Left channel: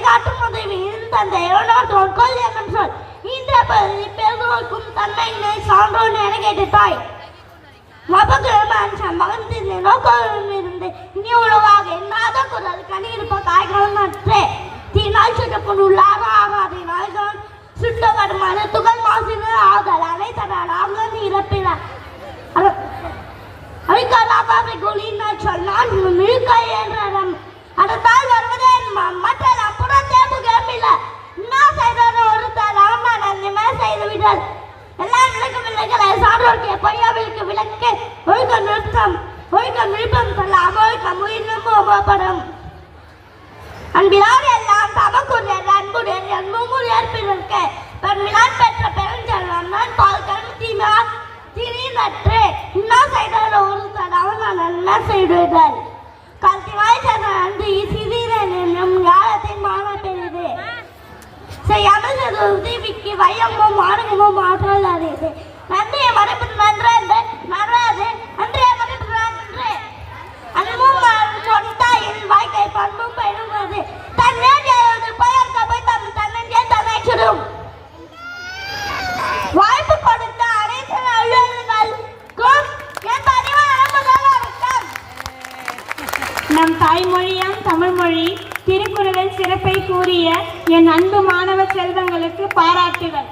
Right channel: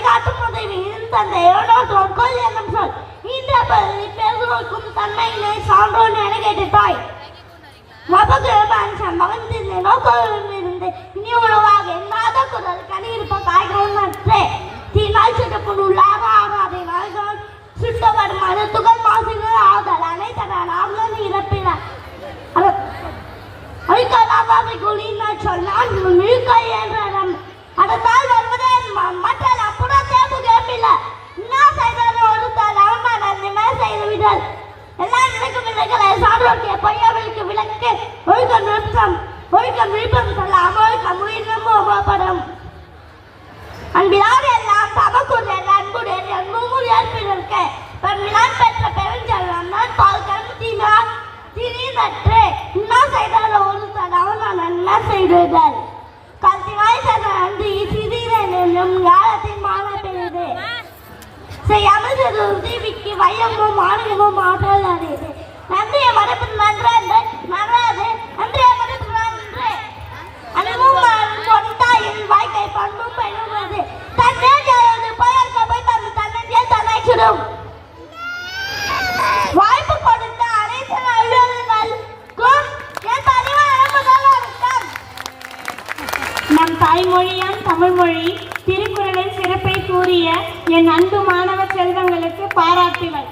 வழிகாட்டும் உதவியில் தந்தையோடு தொற்கொள் என்னும் சொல் இந்த பெருக்கும் தன்மையினை சான்றோன் என கேட்டாய் மகந்தின் நோக்கம் இருந்து இனி உணவாக எண்ணாத குரல் கணியிருப்ப காய்களும் அற்றே தீனால் சுட்டக்குள்ளாக ஆகாதே நாய்களும் சுட்டப்படும் அது துகள் மாசினர் ஆதல் அனைத்தனால் இறப்பினர் அழிக்காத குளியினர் சொன்னால் மிழுக்கை என்ற அதத்தால் வருவதே மற்ற புறத்தேர்வு கேட்பில்லை என்ன செய்தாலும் ஒருத்தர் ராமன் செய்துவிட்டார் எல்லா விளக்கங்களை சான்றோர்க்கு பொய்யாவிற்கு விளக்கு ஒழுக்க நிறுத்தம் சொல்லாம ஒழுக்கம் உயிரினமும் அன்பிலார் எல்லாம் தமக்குரிய அன்புடைய நூறு ஏற்பிற்கு பெருமிலான் பெற்ற பெருஞ்செல்வன் பால் கருமத்தீமா திடீர்னற்று என்ன செய்தாலும் ஒருத்தர் அவன் என்ன செய்தார் கல்திவாய் நன்றி சிறிதன் என்னும் காலத்தின் மான பெறுது செய்யாமல் தீவிக்கு வையமும் ஆணவமும் ஆற்றல் அறியுது நன்றியை மறைப்பது நன்றாது நன்றியை மறைப்பது நன்றே அனுபவம் கொண்டாயின் வாய்க்கை பண்பும் பெறுவது தன்னே பலர் கபை தந்து தன்னே தன்னை சுடும் வாய்ப்பு கொடுத்த அனைத்து அலுவலர்களுக்கும் என் நம் தாய்மொழியாம் தமிழ்மொழி திருக்குறளின் சிறப்பை கூறிய என் அன்பு மாணவ செல்வங்களுக்கு பாராட்டுகள்.